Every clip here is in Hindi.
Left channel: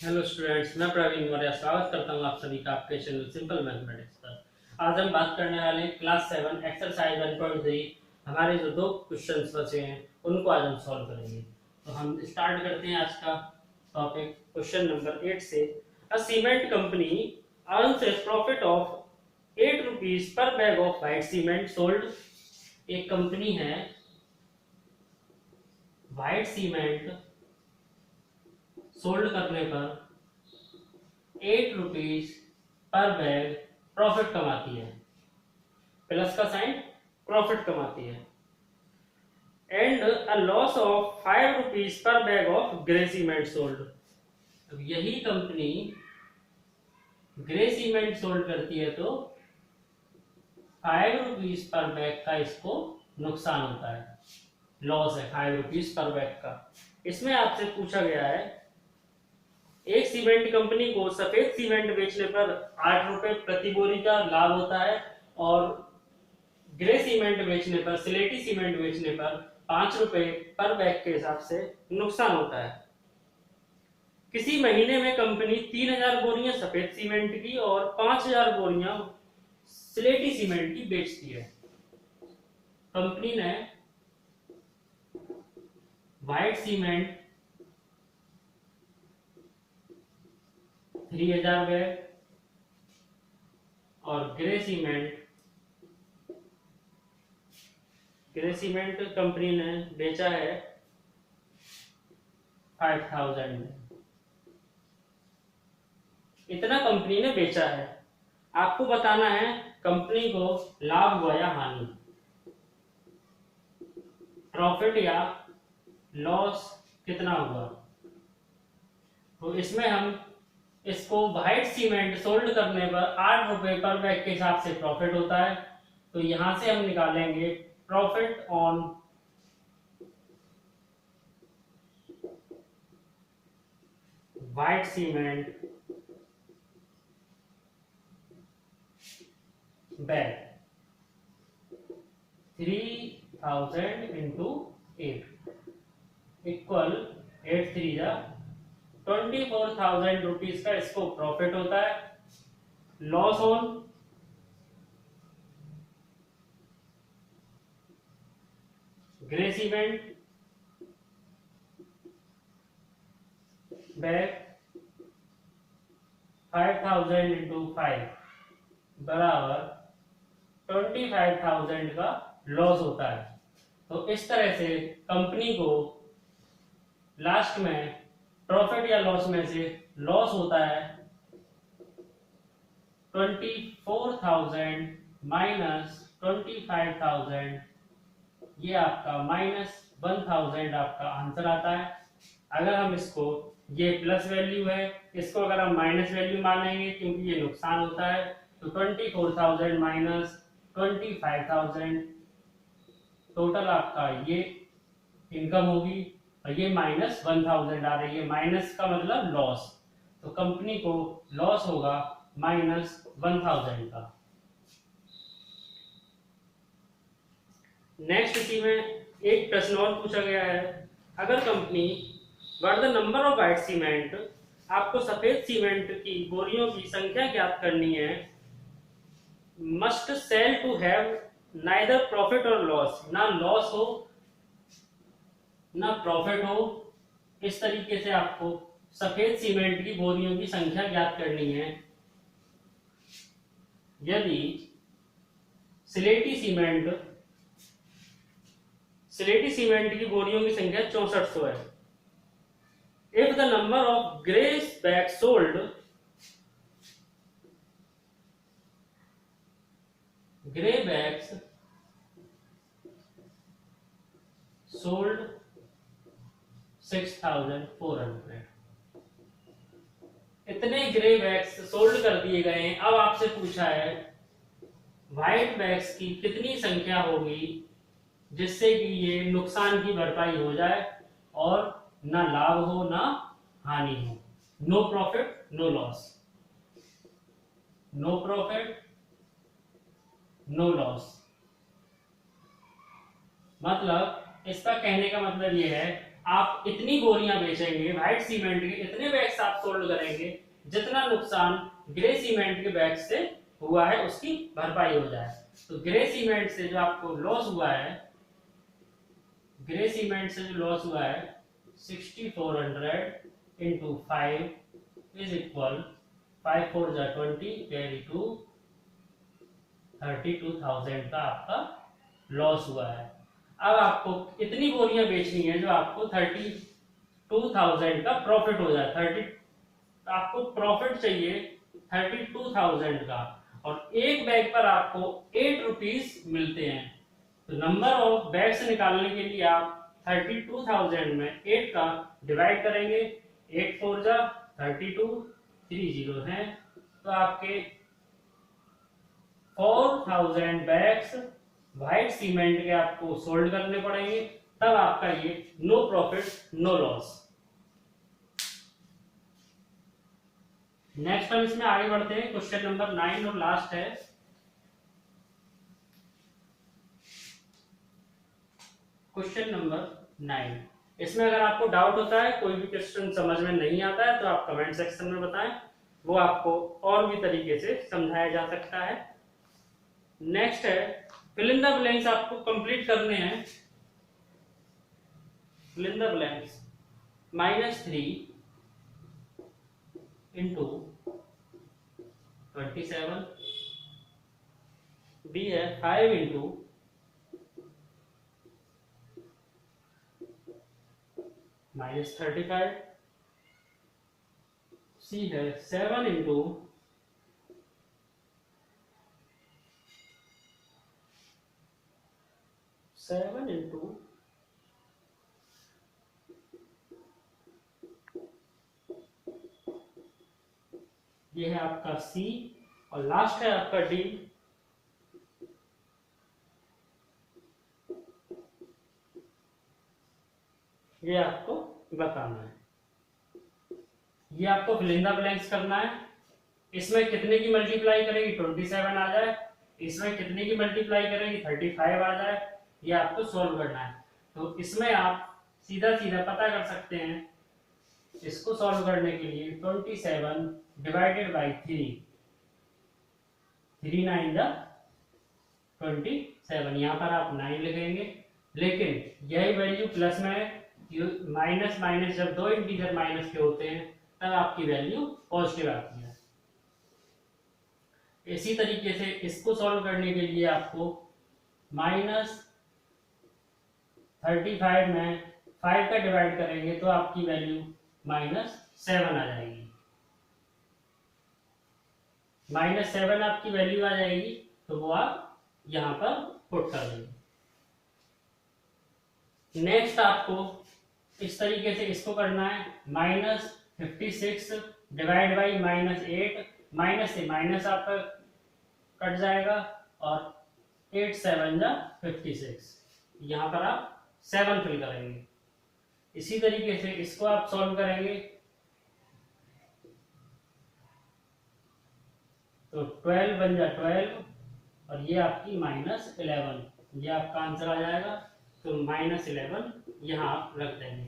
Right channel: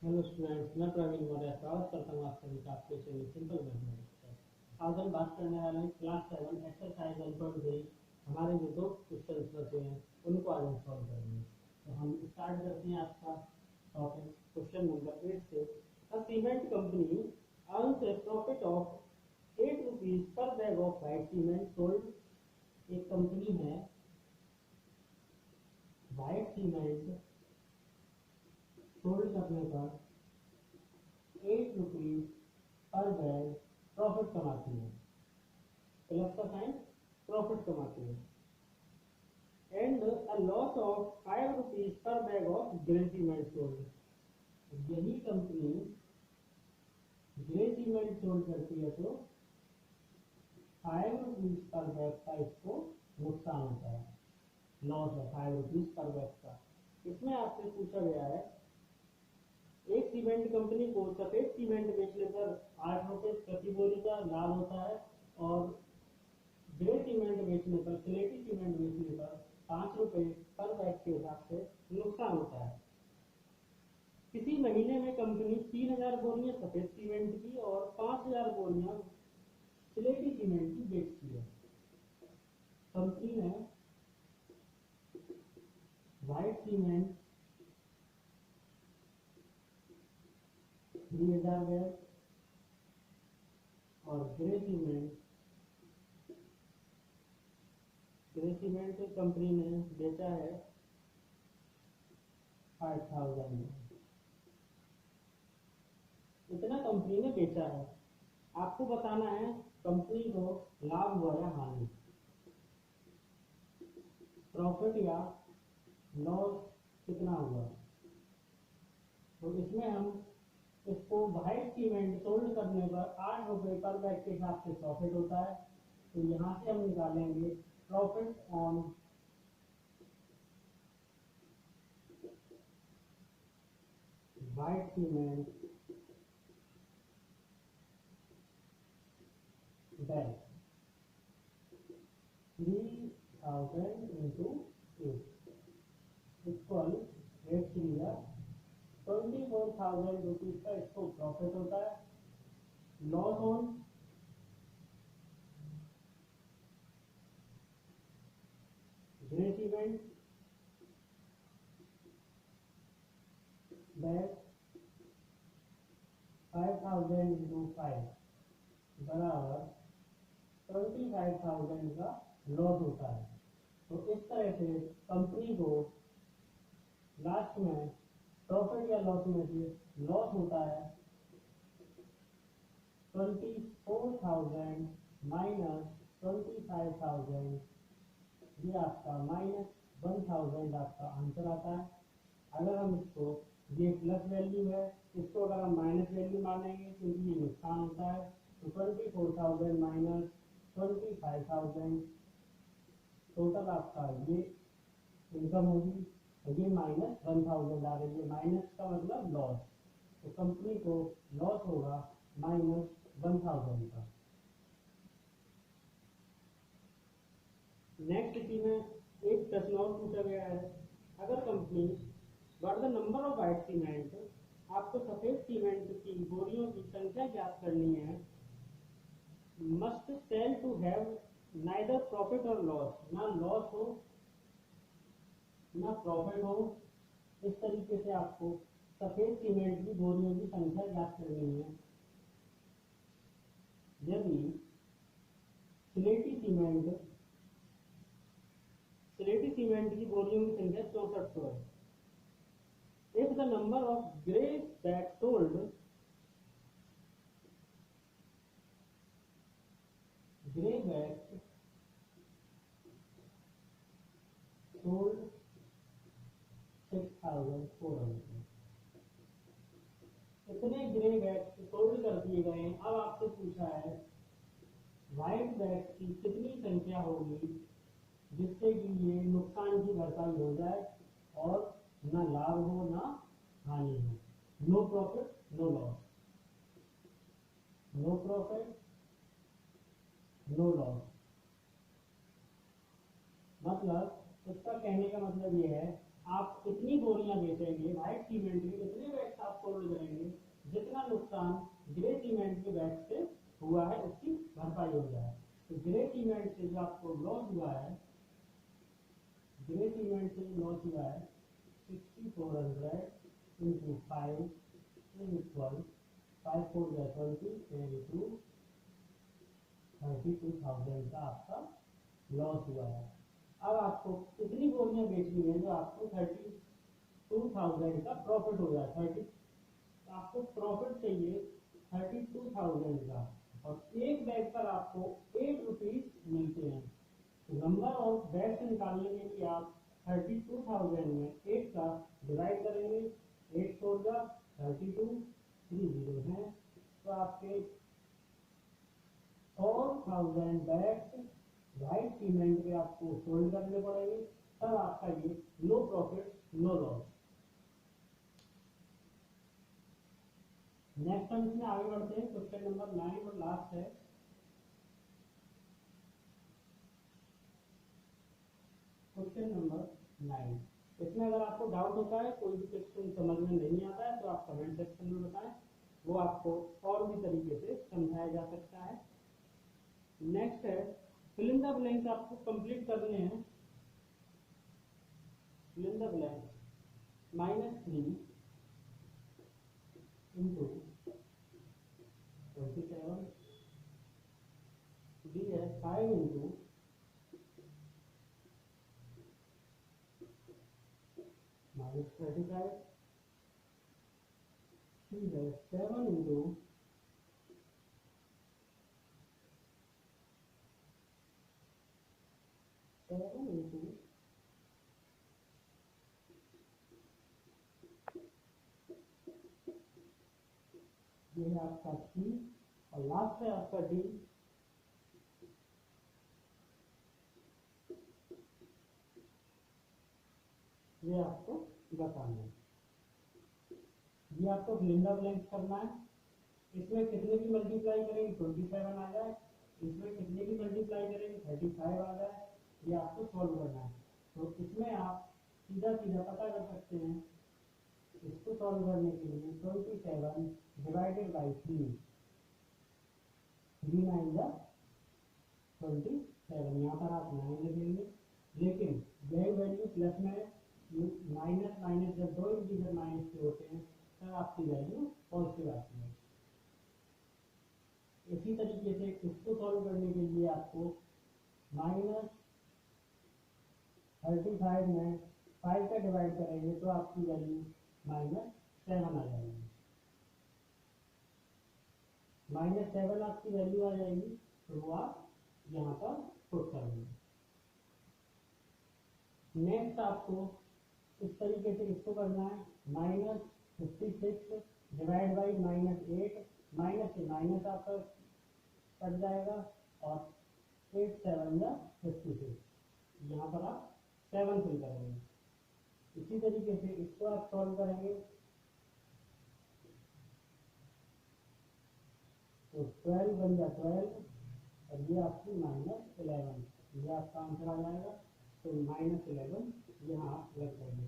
हेलो स्टूडेंट्स, मैं प्रवीण मौर्य स्वागत करता हूं आप सभी का आपके चैनल सिंपल मैथमेटिक्स पर। आज हम बात करने वाले हैं क्लास 7 एक्सरसाइज 1.3। हमारे जो दो क्वेश्चंस बचे हैं उनको आज हम सॉल्व करेंगे। तो हम स्टार्ट करते हैं आज का टॉपिक क्वेश्चन नंबर 8 से। A cement company earns a profit of 8 rupees per bag of white cement sold. एक कंपनी है, व्हाइट सीमेंट सोल्ड करने पर 8 रुपीज पर बैग प्रॉफिट कमाती है। प्लस का साइन, प्रॉफिट कमाती है। And a loss of 5 rupees per bag of grey cement sold. अब यही कंपनी ग्रे सीमेंट सोल्ड करती है तो 5 रुपीज पर बैग का इसको नुकसान होता है, लॉस है 5 रुपीज पर बैग का। इसमें आपसे पूछा गया है, एक सीमेंट कंपनी को सफेद सीमेंट बेचने पर 8 रुपए प्रति बोरी का लाभ होता है और ग्रे सीमेंट बेचने पर, सिलेटी सीमेंट बेचने पर 5 रुपए पर बैग के हिसाब से नुकसान होता है। किसी महीने में कंपनी 3000 बोरियां सफेद सीमेंट की और 5000 बोरियां सिलेटी सीमेंट की बेचती है। कंपनी ने व्हाइट सीमेंट 3000 बैग और ग्रे सीमेंट कंपनी ने बेचा है 5000 में। इतना कंपनी ने बेचा है। आपको बताना है कंपनी को लाभ हुआ या हानि, प्रॉफिट या लॉस कितना हुआ। तो इसमें हम इसको व्हाइट सीमेंट सोल्ड करने पर 8 रुपए पर बैग के हिसाब से प्रॉफिट होता है। तो यहां से हम निकालेंगे profit on white cement bag 3000 into 8 equal 8 3 जा 24,000 रुपीज का इसको प्रॉफिट होता है। Loss on grey cement bag 5000 into 5 बराबर 25,000 का लॉस होता है। तो इस तरह से कंपनी को लास्ट में प्रॉफिट या लॉस में से लॉस होता है 24,000 माइनस 25,000, ये आपका -1000 आपका आंसर आता है। अगर हम इसको, ये प्लस वैल्यू है, इसको अगर हम माइनस वैल्यू मानेंगे क्योंकि ये नुकसान होता है, तो 24,000 माइनस 25,000 टोटल आपका ये इनकम होगी और ये -1000 आ रही है। माइनस का मतलब लॉस, तो कंपनी को लॉस होगा -1000 का। नेक्स्ट इसी में एक प्रश्न और पूछा गया है, अगर company what the number of white cement, आपको सफेद सीमेंट की बोरियों की संख्या ज्ञात करनी है, must sell to have neither profit और लॉस, ना लॉस हो ना प्रॉफिट हो। इस तरीके से आपको सफेद सीमेंट की बोरियों की संख्या ज्ञात करनी है। यदि सिलेटी सीमेंट की बोरियों की संख्या 6400 है। If the number of grey bags sold, grey bags sold 6400, इतने ग्रे बैग्स सोल्ड कर दिए गए हैं। अब आपसे पूछा है व्हाइट बैग्स की कितनी संख्या होगी जिससे कि ये नुकसान की भरपाई हो जाए और ना लाभ हो ना हानि हो। No profit no loss, no profit no loss. मतलब इसका कहने का मतलब ये है, आप इतनी बोरियां बेचेंगे व्हाइट सीमेंट के, इतने बैग्स आप सोल्ड करेंगे जितना नुकसान ग्रे सीमेंट के बैग से हुआ है उसकी भरपाई हो जाए। तो ग्रे सीमेंट से जो आपको लॉस हुआ है, ग्रे सीमेंट से जो लॉस हुआ है 6400 इंटू 5 इज इक्वल 5 4 जा 20 कैरी टू 32,000 का आपका लॉस हुआ है। अब आपको इतनी बोरियां बेचनी है जो आपको 32,000 का प्रॉफिट हो जाए। 30 आपको प्रॉफिट चाहिए 32,000 का, और एक बैग पर आपको 8 रुपीज मिलते हैं। तो नंबर ऑफ बैग्स निकालने के लिए आप 32,000 में 8 का डिवाइड करेंगे, 8 4 जा 32, 3 जीरो है, तो आपके 4,000 बैग्स व्हाइट सीमेंट के आपको सोल्ड करने पड़ेंगे, तब आपका ये no profit no loss. Next हम इसमें आगे बढ़ते हैं, क्वेश्चन नंबर 9 और लास्ट है। क्वेश्चन नंबर 9, इसमें अगर आपको डाउट होता है, कोई भी क्वेश्चन समझ में नहीं आता है, तो आप कमेंट सेक्शन में बताएं, वो आपको और भी तरीके से समझाया जा सकता है। नेक्स्ट है फिल इन द ब्लैंक्स, आपको कंप्लीट करने हैं। Fill in the blanks -3 into 27, B है 5 इंटू -35, सी है 7 इंटू 7 इंटू ये है आपका सी, और लास्ट है आपका डी। ये आपको बताना है, ये आपको फिल इन द ब्लैंक्स करना है। इसमें कितने की मल्टीप्लाई करेगी 27 आ जाए, इसमें कितने की मल्टीप्लाई करेगी 35 आ जाए, ये आपको सॉल्व करना है। तो इसमें आप सीधा सीधा पता कर सकते हैं, इसको सॉल्व करने के लिए 27 डिवाइडेड बाई 3, 3 9 जा 27, यहाँ पर आप 9 लिखेंगे, लेकिन यही वैल्यू प्लस में है, माइनस माइनस जब दो इंटीजर माइनस के होते हैं तब आपकी वैल्यू पॉजिटिव आती है। इसी तरीके से इसको सॉल्व करने के लिए आपको -35 में 5 का डिवाइड करेंगे तो आपकी वैल्यू -7 आ जाएगी। -7 आपकी वैल्यू आ जाएगी, तो वो आप यहां पर पुट कर देंगे। नेक्स्ट आपको इस तरीके से इसको करना है, -56 डिवाइड बाई -8, माइनस से माइनस आपका कट जाएगा, और 8 7 जा 56, यहां पर आप 7 फिल करेंगे। इसी तरीके से इसको आप सॉल्व करेंगे तो 12 बन जा 12, और ये आपकी -11, ये आपका आंसर आ जाएगा। तो -11 यहाँ आप रख देंगे।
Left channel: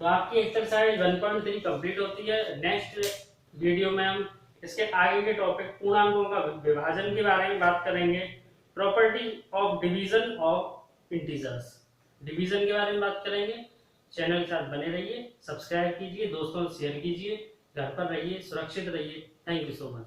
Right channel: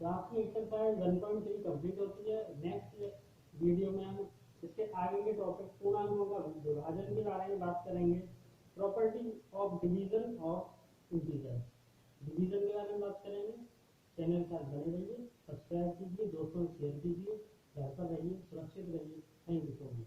तो आपकी एक्सरसाइज 1.3 कंप्लीट होती है। नेक्स्ट वीडियो में हम इसके आगे के टॉपिक पूर्णांकों का विभाजन के बारे में बात करेंगे, property of division of integers, division के बारे में बात करेंगे। चैनल के साथ बने रहिए, सब्सक्राइब कीजिए, दोस्तों शेयर कीजिए, घर पर रहिए, सुरक्षित रहिए। Thank you so much.